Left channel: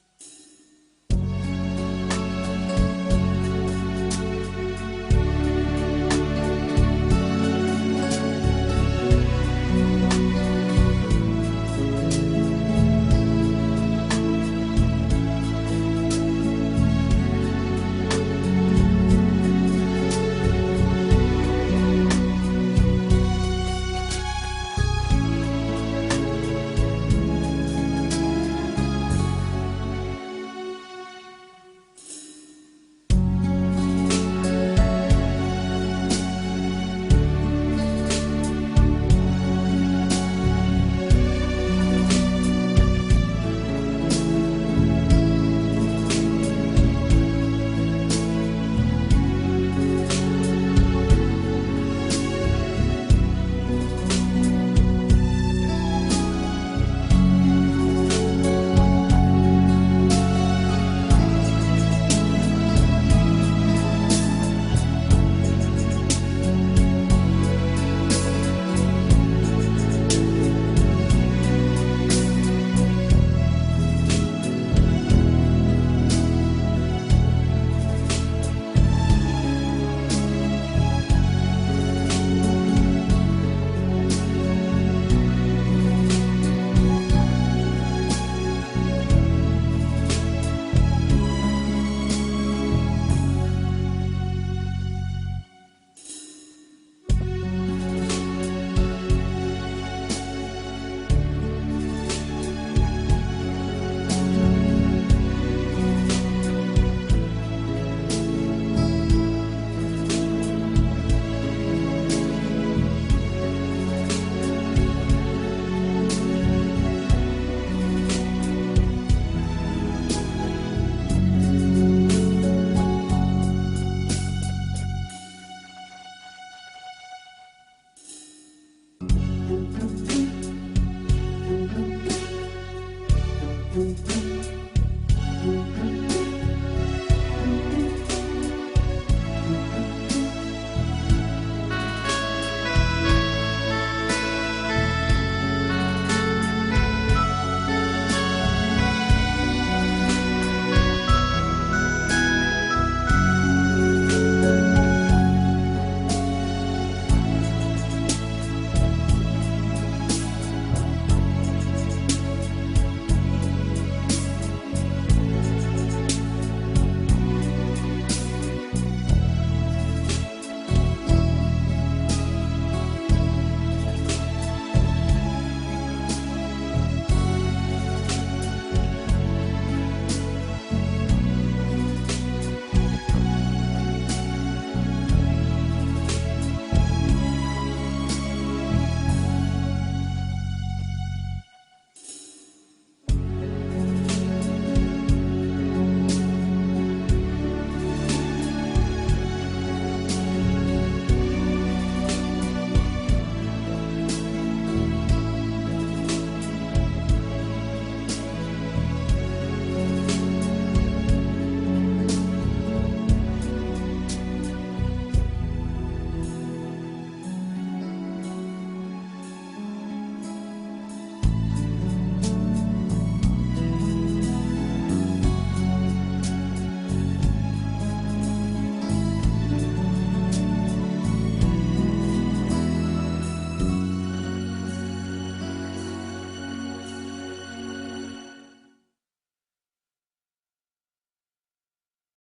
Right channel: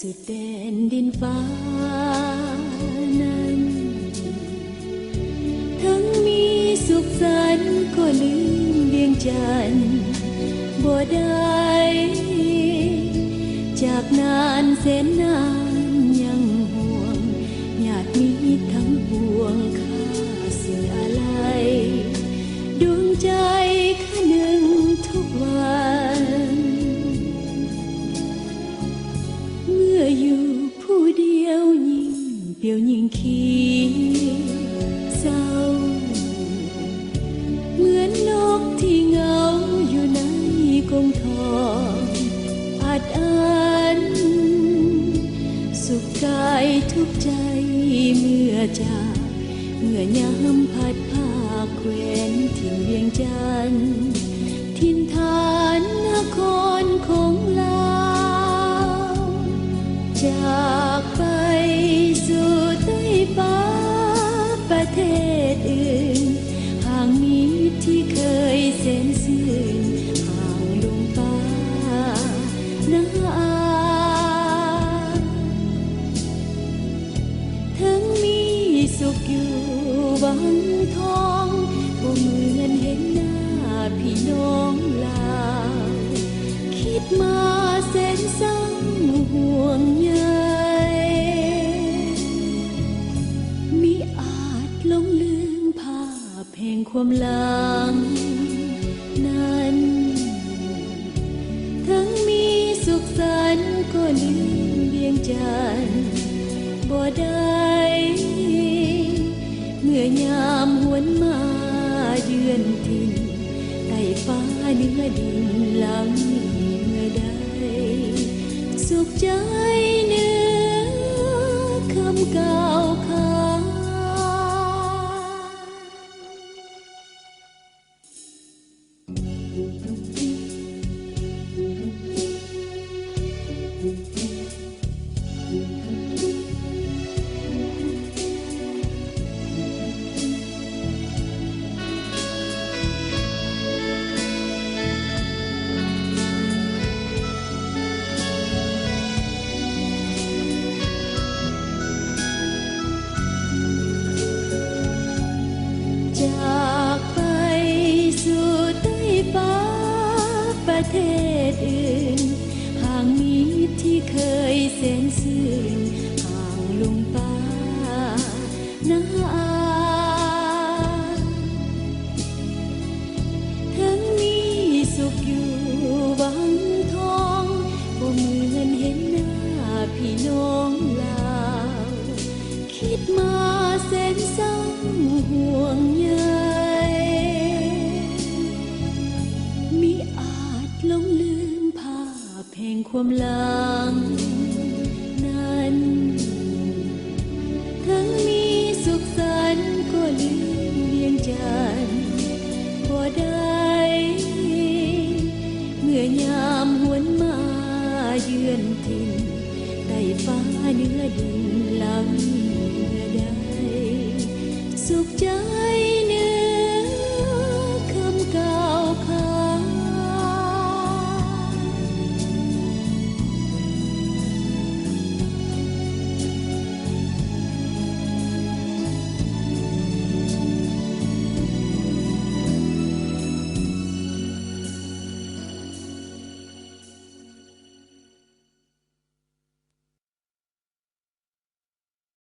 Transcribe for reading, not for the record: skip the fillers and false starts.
สุดแดนดินฟ้านั้นทั้งมีสุขสันต์ก็ลืมเวียงจันทน์บ่ได้จากนานแสนนานยังห่วงอยากมีกันห่วงเข้าสลายดวงใจคะนึงทุกวันเมื่ออยู่ผู้เดียวยิ่งเปลี่ยวยิ่งคิดเศร้าเหมือนนกที่เหงาอยู่ในกรงทองอาจอันสุขกายทุกใจเมื่อจากเมื่อยามพัดพาแคว้นถิ่นเวียงจันทน์ถิ่นฐานนครของลาวจากไปสู่ใต้ฟ้าประเทศอื่นทางนี้ที่เคยแสนซื่อห่างลงฟ้าน้าอาทั้งมีสุขอยู่วันทองบ่เหมือนเห็นหน้าพี่น้องลาวคิดมาแสนเศร้าห่วงใยมิอาจหลงลืมภาพแห่งความหลังนั้นทั้งมีสุขสันต์ก็ลืมเวียงจันทน์บ่ได้เมื่อยามหวนมาเดือนที่ใต้ฟ้าเหนือดินหลังนี้ได้สุขใจเหนือคำกล่าวขานจากไปสู่ใต้ฟ้าประเทศอื่นทางนี้ที่เคยแสนซื่อห่างลงฟ้าน้าอาทั้งมีสุขอยู่วังทองบ่เหมือนเห็นหน้าพี่น้องลาวคิดมาแสนเศร้าห่วงใยมิอาจหลงลืมภาพแห่งความหลังนั้นทั้งมีสุขสันต์ก็ลืมเวียงจันทน์บ่ได้เมื่อยามหวนมาเยือนถิ่นใต้ฟ้าเหนือดินหลังเมื่อใดสุขใจ